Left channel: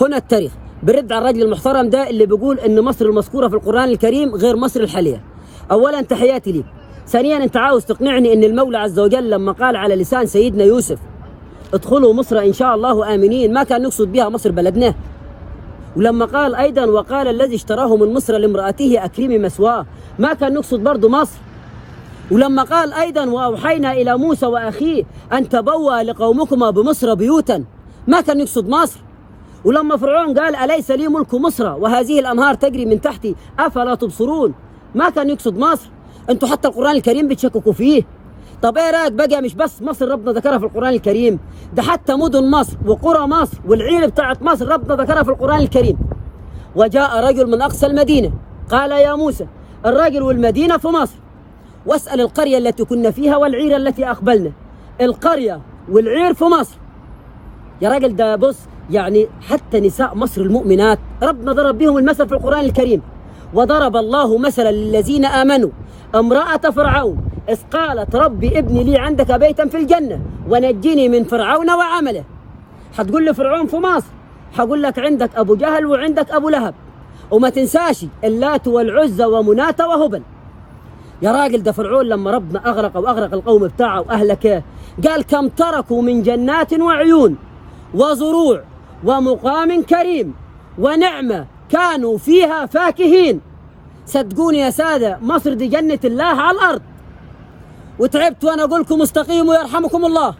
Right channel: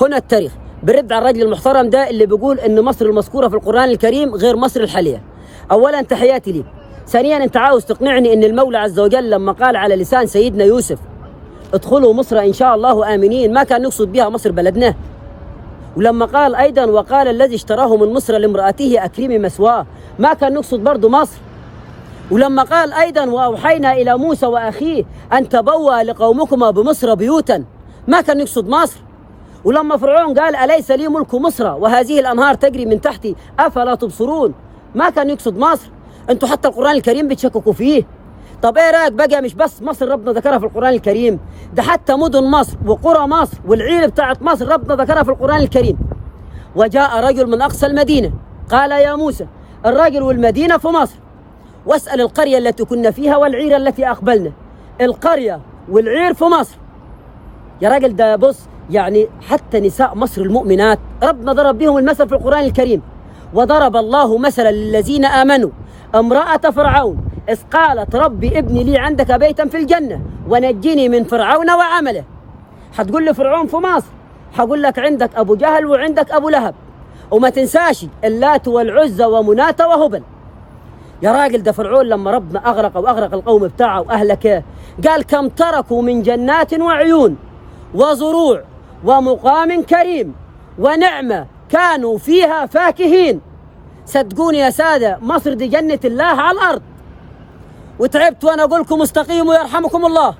هنا التاريخ برد على الرجل المحترم ده اللي بيقول ان مصر المذكوره في القرآن الكريم غير مصر الحاليه. اولا تحياتي ليك. ثانيا انت عاوز تقنعني ان المولى عز وجل لما قال على لسان سيدنا يوسف ادخلوا مصر ان شاء الله امنين ما كان يقصد بها مصر بلدنا. ولما قال ايضا وقال الذي اشتراه من مصر لامرأته اكرمي مثواه ما كان يقصد برضه مصر. ولما قال ايضا واوحينا الى موسى واخيه ان تبوأ لقومكما بمصر بيوتا ما كان يقصد مصر. ولما فرعون قال أليس لي ملك مصر وهذه الأنهار تجري من تحتي أفلا تبصرون ما كان يقصد مصر. انتوا حتى القرآن الكريم بتشككوا فيه. طب ايه رايك بقى مش بس مصر ربنا ذكرها في القرآن الكريم، ده حتى مدن مصر وقرى مصر والعير بتاعت مصر ربنا ذكرها في القرآن الكريم. وجاء رجل من أقصى المدينة قال يا موسى الراجل والمدينة في مصر واسأل القرية التي كنا فيها والعير التي أقبلنا. القرية والعير في مصر يا راجل. ده بص يعني حتى نساء مصر المؤمنات ربنا ضرب بهم المثل في القرآن الكريم. وضرب الله مثلا للذين آمنوا امرأة فرعون إذ قالت ربي ابني لي عندك بيتا في الجنة ونجني من فرعون وعمله. هتقول لي فرعون في مصر، هقول لك عندك أبو جهل وعندك أبو لهب، وما تنساش اللات والعزى ومناة وهبل. يا راجل ده فرعون لما ربنا أغرق وأغرق القوم بتاعه وأهلكه قال كم تركوا من جنات وعيون وزروع ومقام كريم ونعمة كانوا فيها فاكهين. صدقوني يا سادة مصر دي جنة الله على الأرض. وتعبت وأنا أقول لكم استقيموا يرحمكم الله.